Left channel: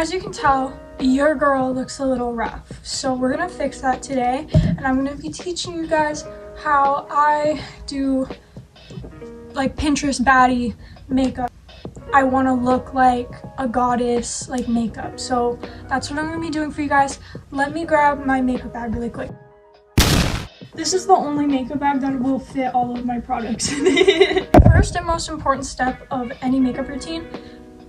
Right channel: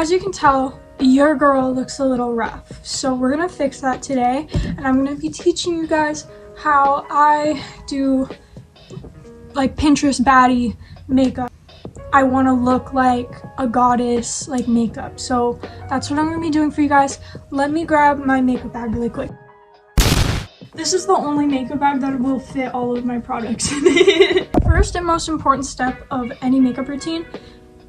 As you can tell, your girl looks a little rough, so we're gonna fix that today, and I'm gonna be teaching you guys how I do like Pinterest baddie makeup. I want to look like a goddess like makeup, so that's what I'm gonna be doing for you guys. Let me grab my makeup bag really quick. This is the only makeup bag that will fit all of my products. First and most important step of any makeup routine:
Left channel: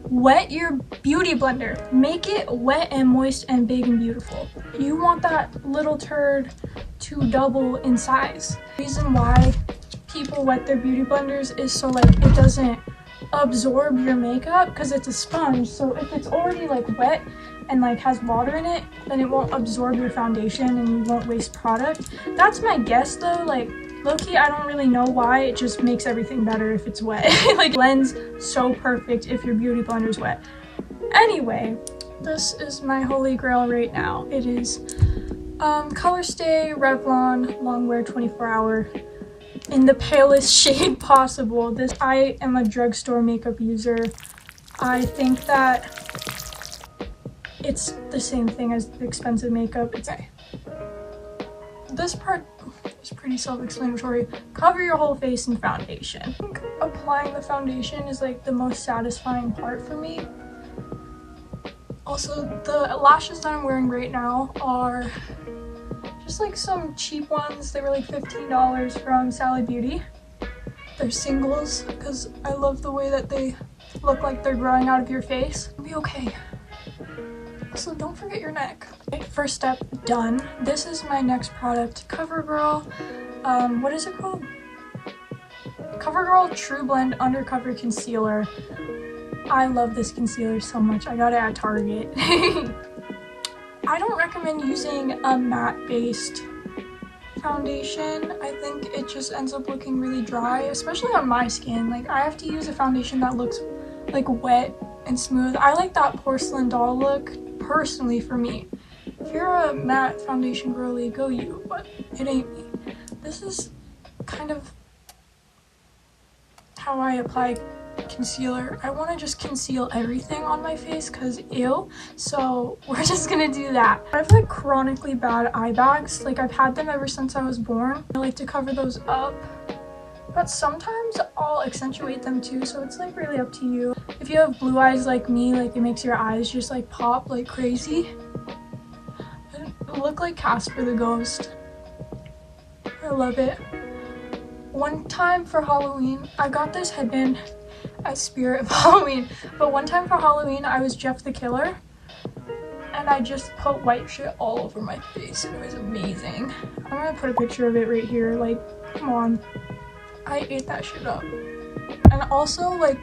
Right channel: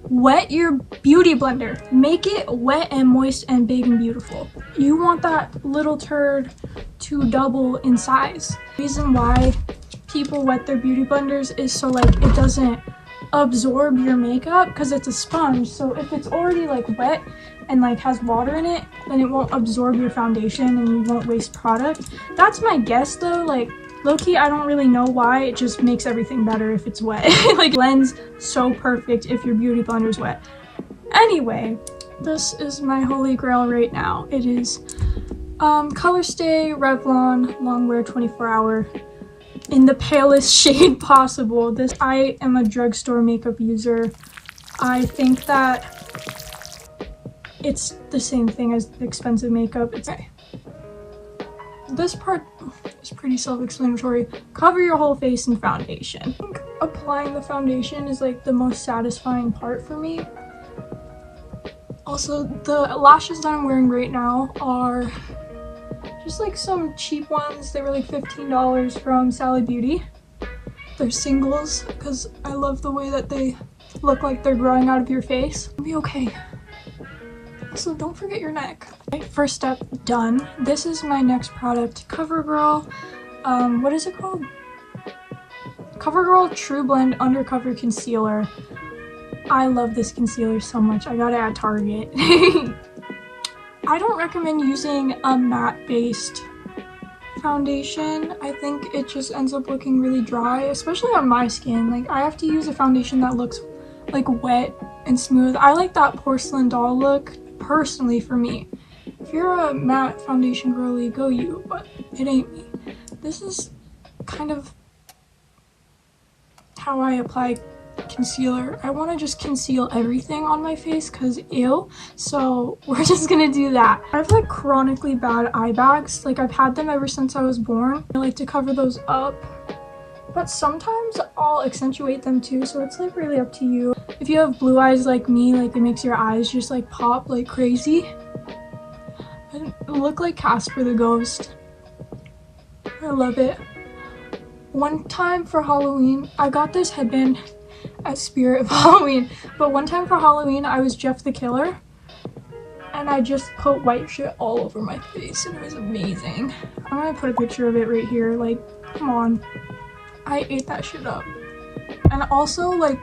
wet your beauty blender. Make it wet and moist and big and beautiful. You want that little turd to double in size. The reason why people wet their beauty blenders is so like it doesn't absorb your makeup, because it's a sponge. So if it's already like wet and like has water in it, then it won't absorb your foundation and you won't waste product. That's my guess though. Like low-key, I don't really know why. It just makes everything better if it's wet. Like blends so perfect if your beauty blender's wet. Anyway, this is my holy grail right now. It is Colorstay Revlon Longwear 24-hour in the palest shade possible. I am a drugstore makeup user. I think that it's the same thing as expensive makeup. This part is pretty self-explanatory. Cover your whole face in foundation. I think applying the foundation is like the most satisfying part for me. Also, the lashes that I'm wearing right now are just like some cheap ones. They were like $15 from Sally Beauty. They're singles because I love the way that they look like they're growing out of your face. It'll be okay. Also, don't forget your neck. Okay, first step done. This is my next product, CoverGirl. What is it called? CoverGirl True Blend Undercover Concealer. I love this concealer so much. I got it at Target. I don't recommend using a matte-based foundation. I think it just ends up looking really dry, especially on my skin. Like, I have to use a foundation that looks like wet and smooth. I like that porcelain doll look, personally, for me. If you're a matte foundation girly, go you, but it ain't me. This is kind of how I apply concealer. I want to just conceal everything on my face because ew, so we're just gonna do that. I have like chronically bad eye bags. Like I've had them ever since I was born. I like to cover those up, but sometimes I'll accentuate them too, so it's like really up to you. If you have blue eyes like me, like it makes your eyes just like pop like crazy. I look like Casper the Ghost. I love it. One time for Halloween, I got this headband at Spirit of Halloween, but one time for Halloween I was Jeff the Killer and I just put white shit all over my face and it was amazing. I'm gonna put a picture of it right here. Like, come on, I ate that shit up. And also, like,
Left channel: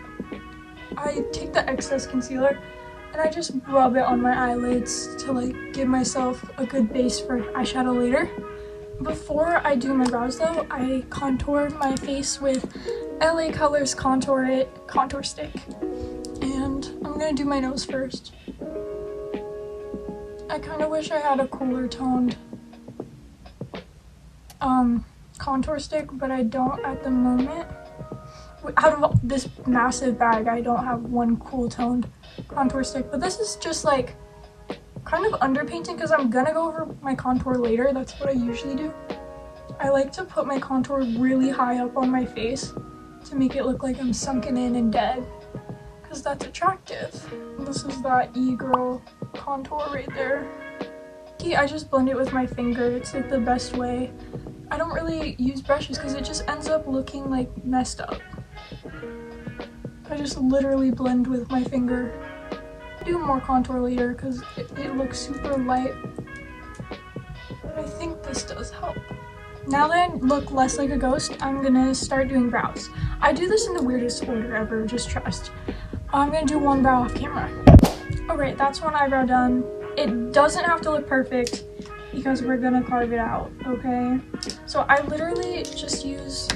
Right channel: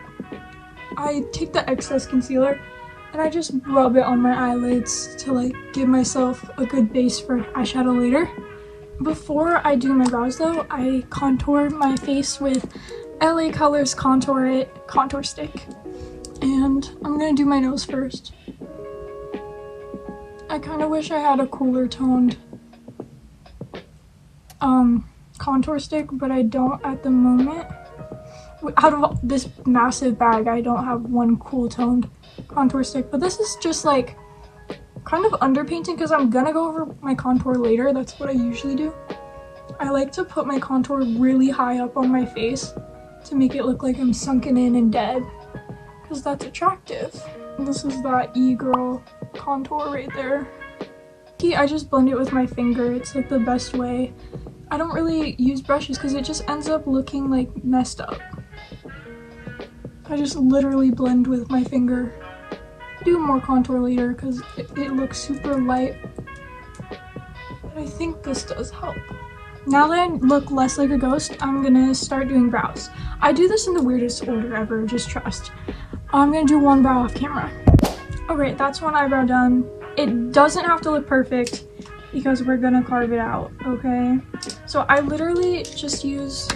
I take the excess concealer and I just rub it on my eyelids to like give myself a good base for eyeshadow later. Before I do my brows though, I contour my face with LA Colors contour stick, and I'm gonna do my nose first. I kind of wish I had a cooler toned contour stick, but I don't at the moment. Out of this massive bag, I don't have one cool toned contour stick, but this is just like kind of underpainting because I'm gonna go over my contour later. That's what I usually do. I like to put my contour really high up on my face to make it look like I'm sunken in and dead, because that's attractive. And this is that e-girl contour right there. I just blend it with my finger. It's like the best way. I don't really use brushes because it just ends up looking like messed up. I just literally blend with my finger. Do more contour later because it looks super light. But I think this does help. Now that I look less like a ghost, I'm gonna start doing brows. I do this in the weirdest order ever, just trust. I'm gonna do one brow off camera. Alright, that's one eyebrow done. It doesn't have to look perfect because we're gonna carve it out, okay? So I literally just use,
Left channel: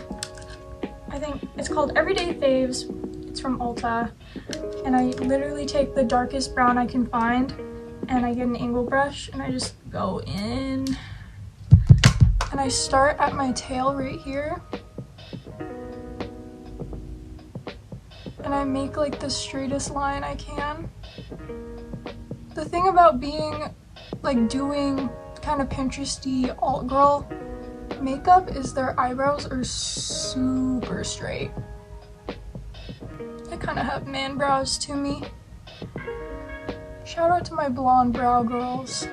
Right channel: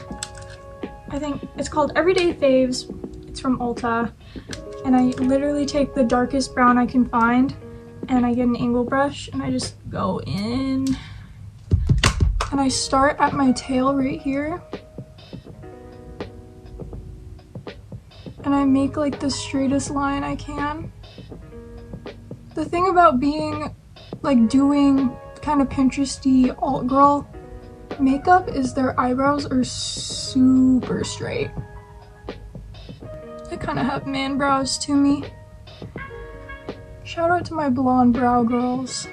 I think it's called Everyday Faves. It's from Ulta. And I literally take the darkest brown I can find and I get an angle brush and I just go in. And I start at my tail right here. And I make like the straightest line I can. The thing about being like doing kind of Pinteresty alt girl makeup is their eyebrows are super straight. I kind of have man brows to me. Shout out to my blonde brow girls.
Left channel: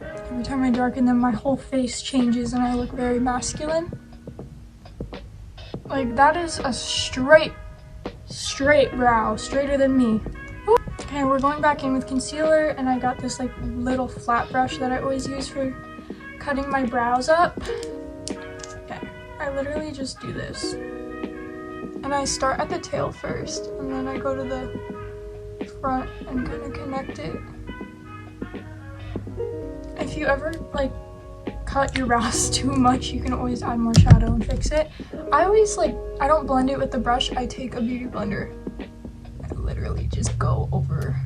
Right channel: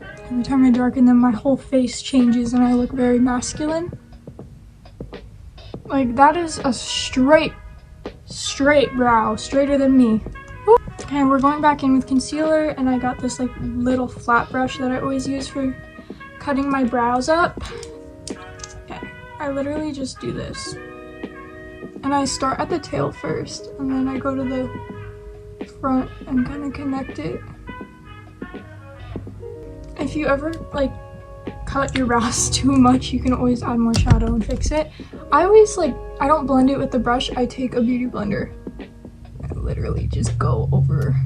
Every time I darken them, my whole face changes and I look very masculine. Like, that is a straight brow, straighter than me. And we're going back in with concealer, and I got this like little flat brush that I always use for cutting my brows up. Okay, I literally just do this. And I start at the tail first, and then I go to the front and kind of connect it. If you ever like cut your brows too much, you can always add more shadow and fix it. I don't blend it with the brush, I take a beauty blender. I literally just go over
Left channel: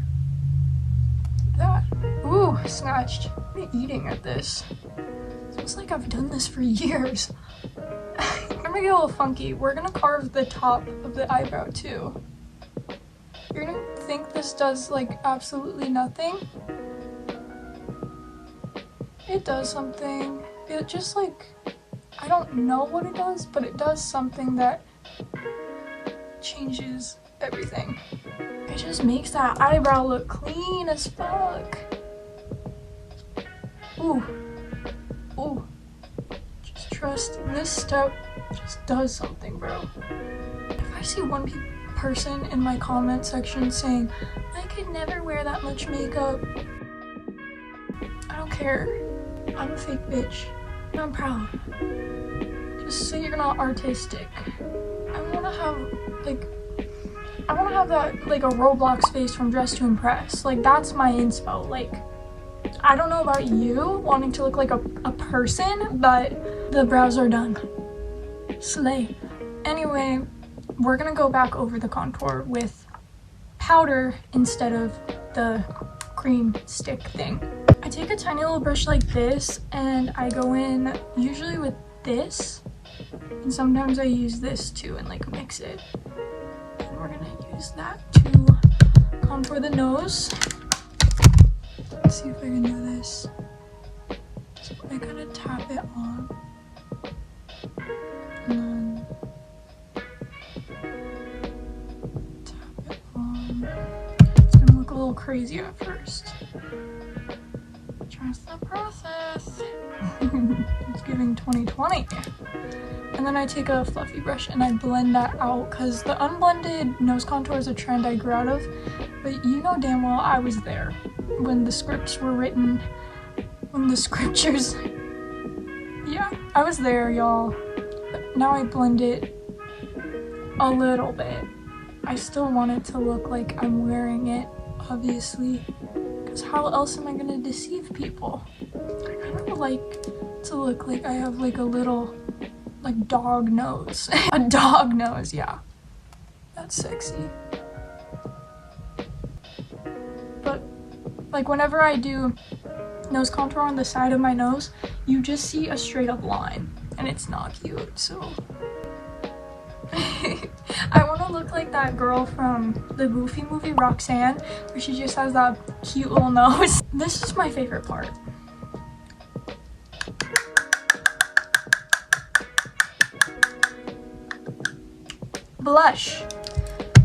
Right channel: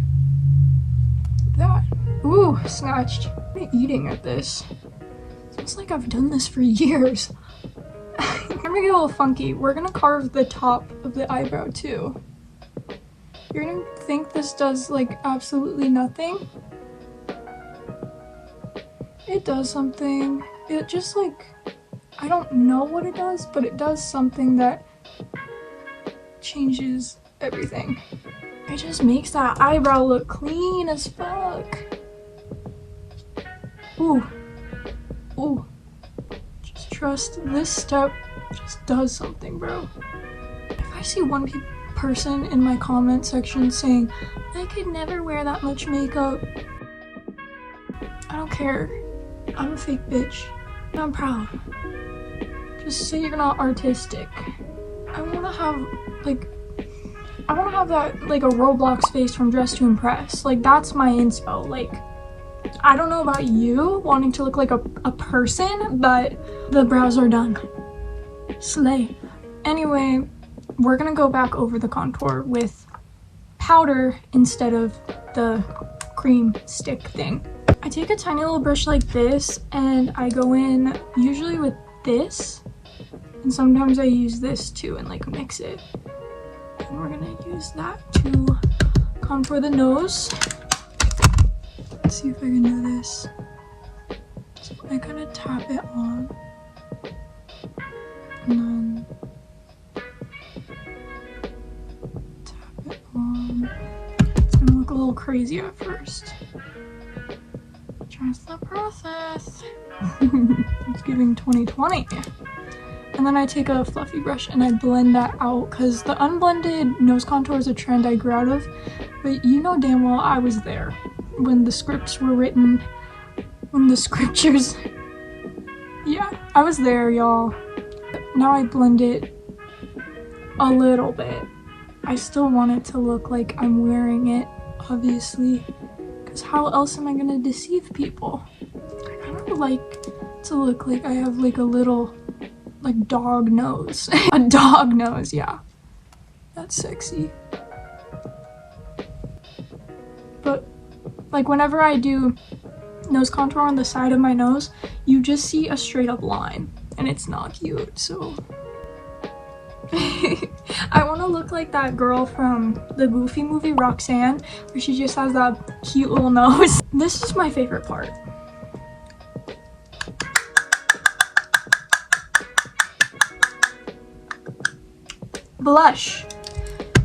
that. Ooh, snatched. I'm eating at this. It's like I've done this for years. I'm gonna get a little funky. We're gonna carve the top of the eyebrow too. You're gonna think this does like absolutely nothing. It does something. It just like, I don't know what it does, but it does something that changes everything. It just makes that eyebrow look clean as fuck. Ooh. Ooh. Just trust this step just does something, bro. If I see one person in my comment section saying, I could never wear that much makeup, I don't care. I'm a fake bitch. And I'm proud. Just say you're not artistic. I wanna have that, like, a Roblox face from Dress to Impress. Like, that's my inspo. Like, I don't know about you wanting to look like a person, but the brows are done. Slay. Anyway, we're gonna go back over the contour with powder instead of the cream stick thing. I take a tiny little brush like this and I go in usually with this, and sometimes I use this too and like mix it. And we're gonna use that to contour the nose. Let's see if I can do this. So I kind of tap it on. And then tap it on. It's gonna look a little crazy at first. Trust the process. It's giving 2020. And then I take a fluffy brush and I blend that out because the unblended nose contour is a trend I grew out of, but you know damn well I was there when the scripts were written, when the scriptures, yeah, I was there, y'all. Now I blend it a little bit. I still want it to look like I'm wearing it, obviously, because how else am I gonna deceive people? I kind of like to look like I have like a little like dog nose. A dog nose, yeah. That's sexy. But like whenever I do nose contour on the side of my nose, you just see a straight up line and it's not cute, so. I want to look like that girl from the Goofy movie, Roxanne, where she just has that cute little nose. This is my favorite part. Blush.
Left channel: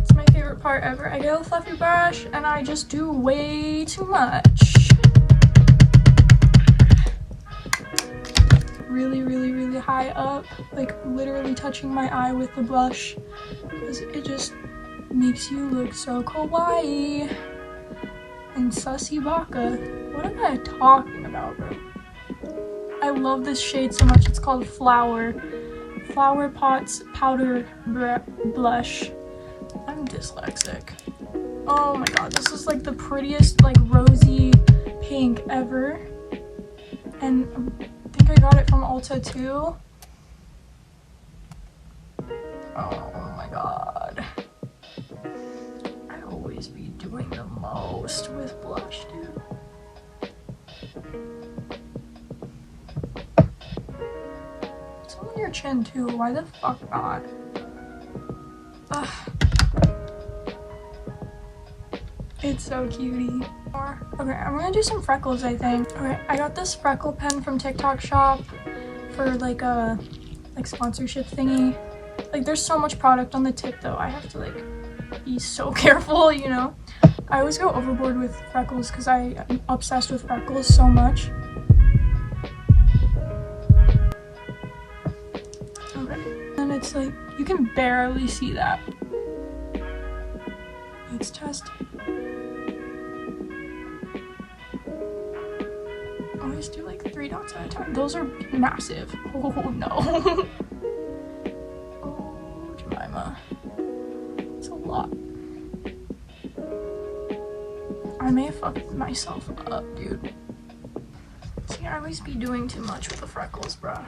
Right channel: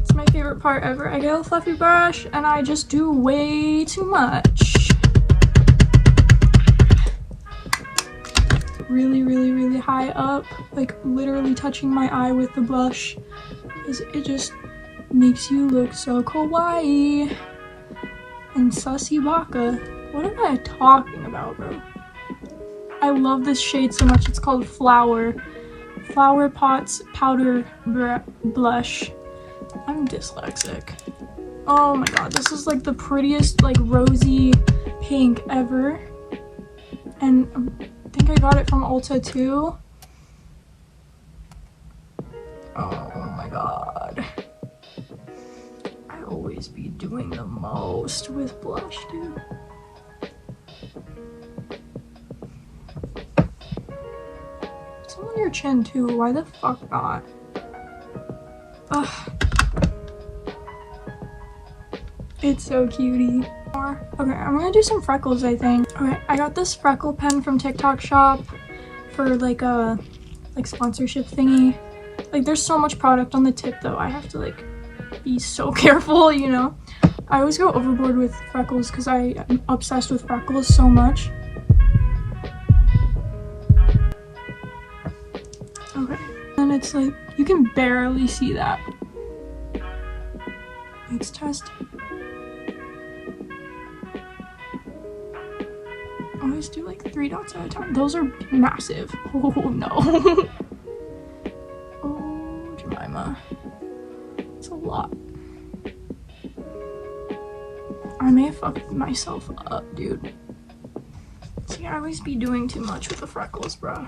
It's my favorite part ever. I get a fluffy brush and I just do way too much. Really, really, really high up, like literally touching my eye with the blush, because it just makes you look so kawaii and sussy baka. What am I talking about, bro? I love this shade so much. It's called Flower Pots Powder Blush. I'm dyslexic. Oh my god, this is like the prettiest like rosy pink ever, and I think I got it from Ulta too. Oh my god. I always be doing the most with blush, dude. Some on your chin too. Why the fuck not? Ugh. It's so cutie. Okay, I'm gonna do some freckles, I think. Okay, I got this freckle pen from TikTok shop for like a sponsorship thingy. Like there's so much product on the tip though. I have to like be so careful, you know. I always go overboard with freckles because I am obsessed with freckles so much. Okay, and it's like you can barely see that. Let's test. Always do like 3 dots at a time. Those are massive. Oh no. Oh, Jemima. It's a lot. I may have fucked myself up, dude. See, I always be doing too much with the freckles, bro.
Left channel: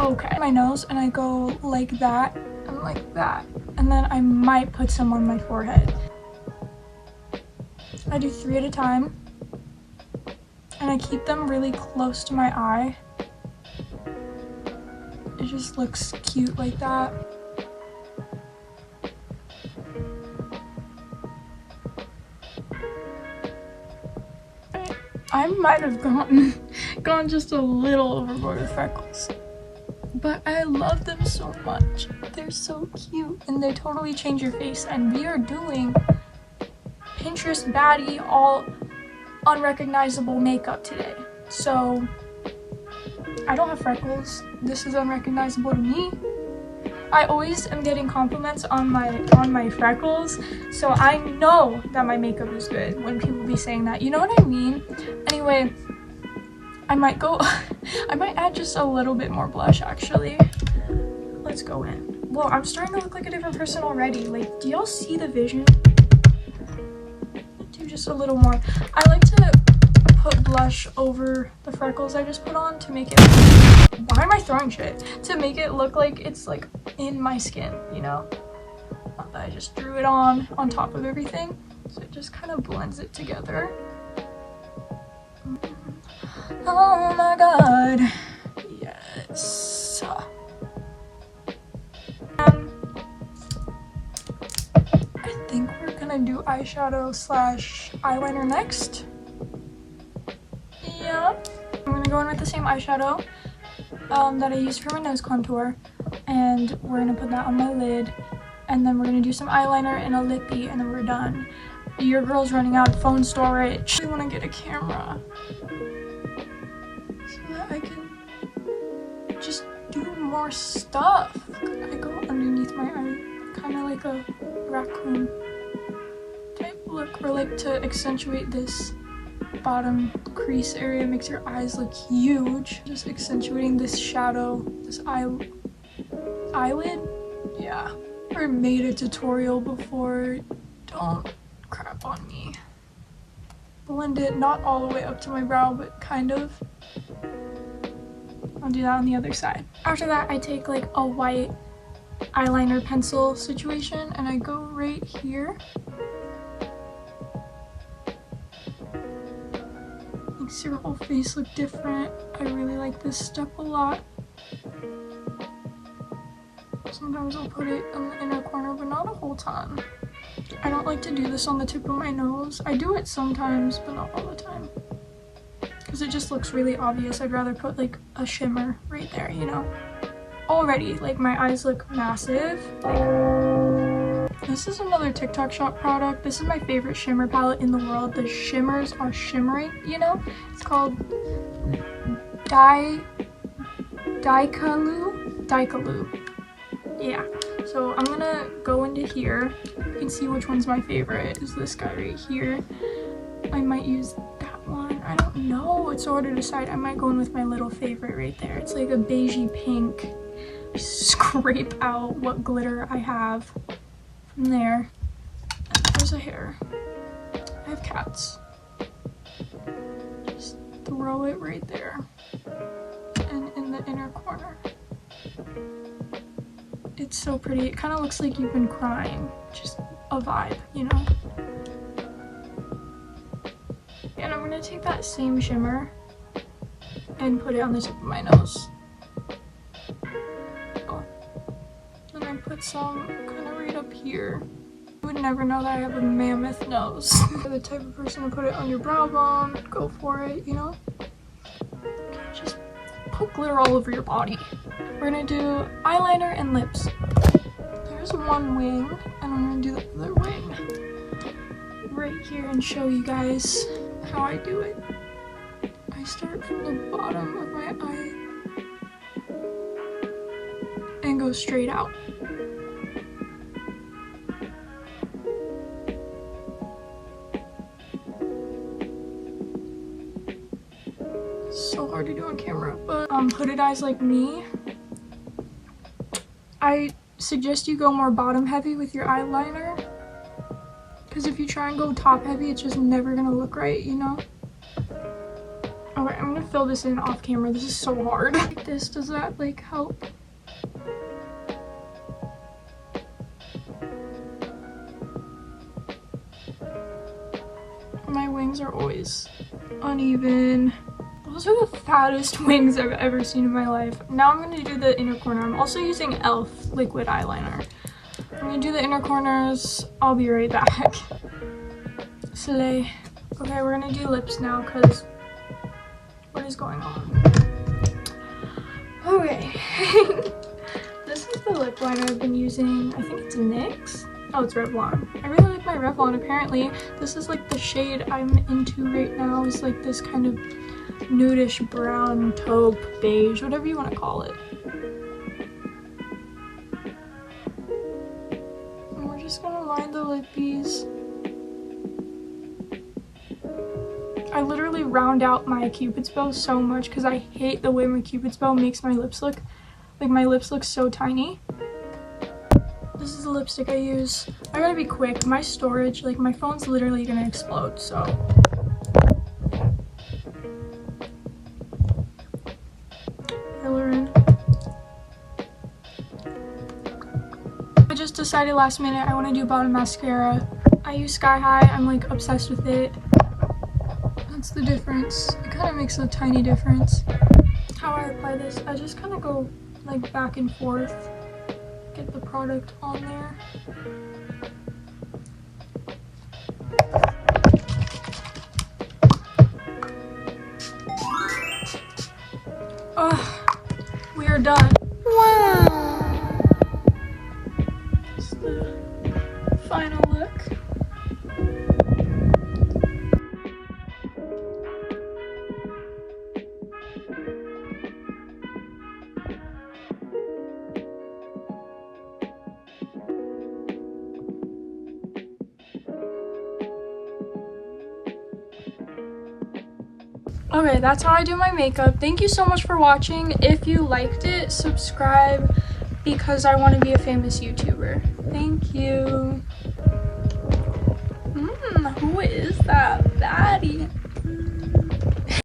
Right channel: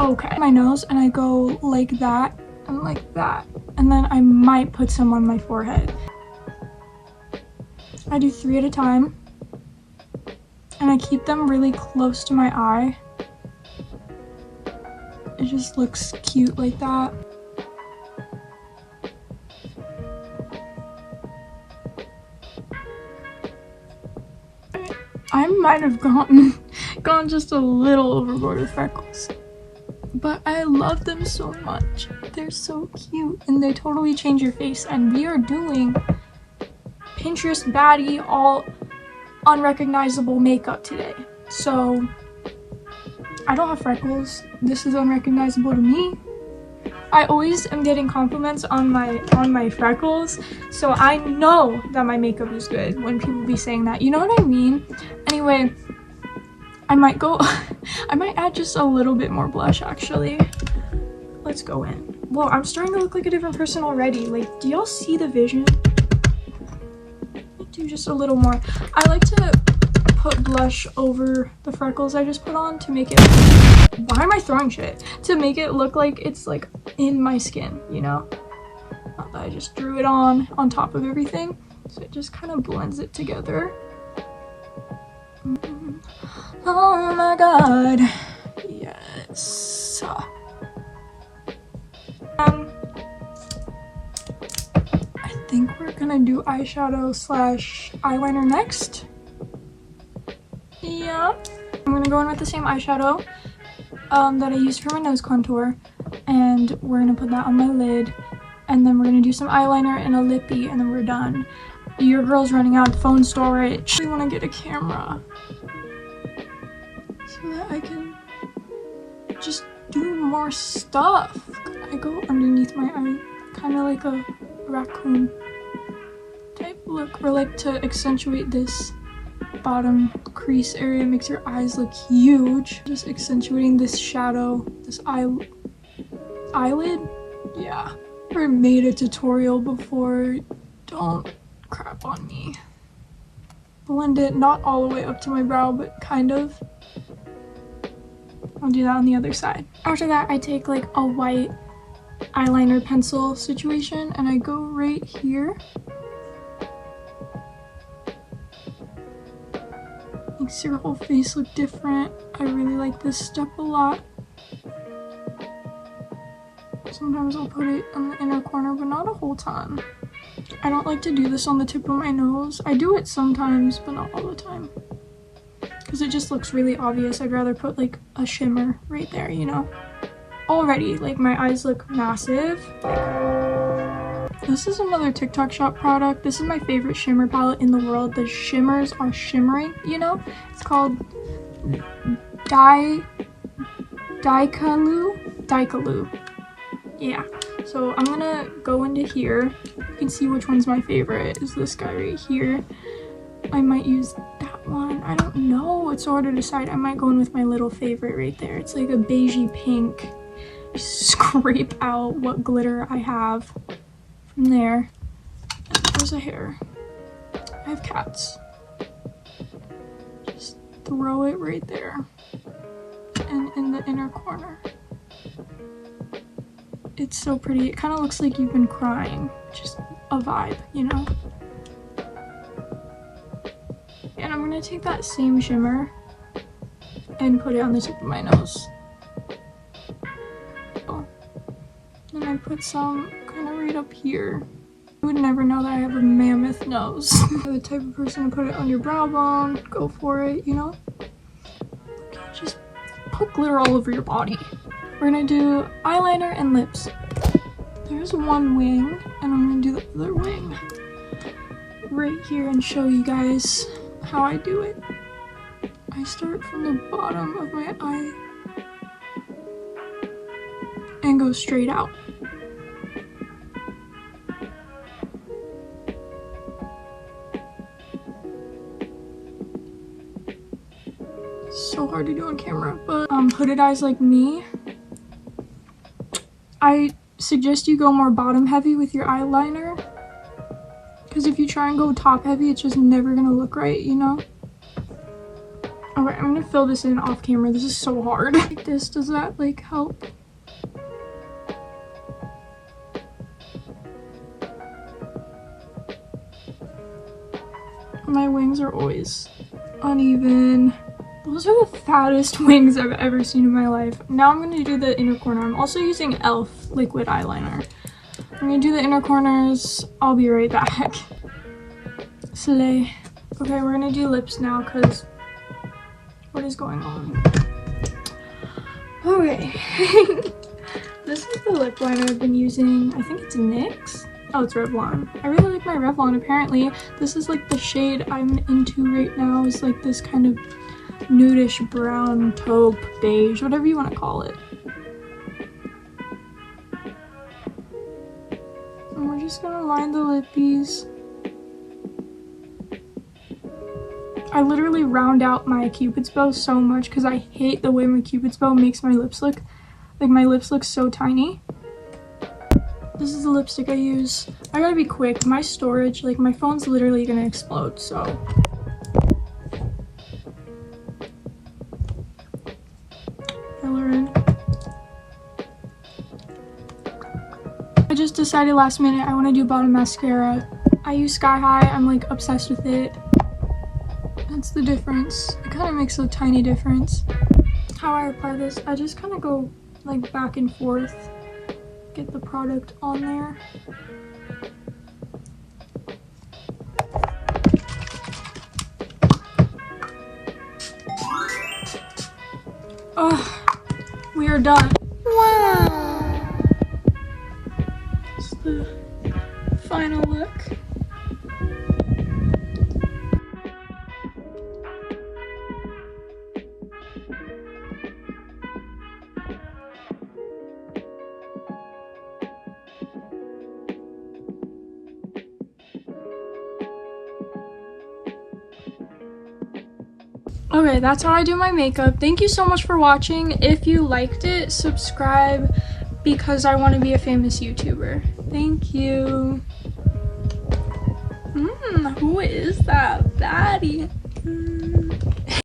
Okay. My nose, and I go like that and like that. And then I might put some on my forehead. I do 3 at a time. And I keep them really close to my eye. It just looks cute like that. I might have gone just a little overboard with freckles. But I love them so much. They're so cute and they totally change your face. And we are doing Pinterest Baddie all unrecognizable makeup today. So I don't have freckles. This is unrecognizable to me. I always am getting compliments on my freckles, so I know that my makeup is good when people be saying that. You know what I mean? Anyway, I might add just a little bit more blush actually. Let's go in. Whoa, I'm starting to look like a different person already. Like, do y'all see the vision? Do just a little more. I like to put blush over the freckles I just put on to make it, why am I throwing shit? To make it look like it's like in my skin, you know? Not that I just drew it on top of everything. So it just kind of blends it together. Oh my god. Yes. I think we're gonna do eyeshadow slash eyeliner next. Yeah. I'm gonna go in with the same eyeshadow that I used for my nose contour, and we're gonna put that on my lid, and then we're gonna do some eyeliner and a lippy, and then we're done. Your girl's running out of phone storage. I want to get a camera so that I can just do more stuff. I go underneath my eye, kind of like a raccoon type look, or like to accentuate this bottom crease area, makes your eyes look huge. Just accentuating this shadow, this eyelid. Yeah, I made a tutorial before. Don't crap on me. Blend it not all the way up to my brow, but kind of. I'll do that on the other side. After that, I take like a white eyeliner pencil situation and I go right here. Makes your whole face look different. I really like this step a lot. Sometimes I'll put it in the inner corner, but not a whole ton. I don't like to do this on the tip of my nose. I do it sometimes, but not all the time. Because it just looks really obvious. I'd rather put like a shimmer right there, you know? Already, like my eyes look massive. This is another TikTok shop product. This is my favorite shimmer palette in the world. The shimmers are shimmering, you know? It's called Daikalu. Yeah. So I'm gonna go into here. You can see which one's my favorite. Is this guy right here. I might use that one. I don't know. It's so hard to decide. I might go in with my little favorite right there. It's like a beigey pink. Scrape out what glitter I have from there. And there's a hair. I have cats. Just throw it right there. And in the inner corner. It's so pretty. It kind of looks like you've been crying. Just a vibe, you know? And I'm gonna take that same shimmer and put it on the tip of my nose. Then I put some kind of right up here. You would never know that I have a mammoth nose. You're the type of person to put it on your brow bone, go for it, you know? Just put glitter all over your body. We're gonna do eyeliner and lips. There's one wing, and I'm gonna do the other wing right here and show you guys how I do it. I start from the bottom of my eye and go straight out. So hard to do on camera, but hooded eyes like me, I suggest you go more bottom heavy with your eyeliner, because if you try and go top heavy, it's just never gonna look right, you know? Okay, I'm gonna fill this in off camera. This is so hard. Like this, does that like help? My wings are always uneven. Those are the fattest wings I've ever seen in my life. Now I'm gonna do the inner corner. I'm also using e.l.f. liquid eyeliner. I'm gonna do the inner corners. I'll be right back. Slay. Okay, we're gonna do lips now, because what is going on? Okay. This is the lip liner I've been using. I think it's NYX. Oh, it's Revlon. I really like my Revlon. Apparently, this is like the shade I'm into right now. Is like this kind of nudish brown, taupe, beige, whatever you want to call it. And we're just gonna line the lippies. I literally round out my Cupid's bow so much because I hate the way my Cupid's bow makes my lips look. Like, my lips look so tiny. This is the lipstick I use. I gotta be quick. My storage, like, my phone's literally gonna explode, so. Fill in. I just decided last minute I want to do bottom mascara. I use Sky High. I'm like obsessed with it. That's the difference. It kind of makes a tiny difference. How I apply this, I just kind of go like back and forth. Get the product on there. Oh, we are done. Wow. It's the final look. Okay, that's how I do my makeup. Thank you so much for watching. If you liked it, subscribe because I want to be a famous YouTuber. Thank you. Who is that? Baddie.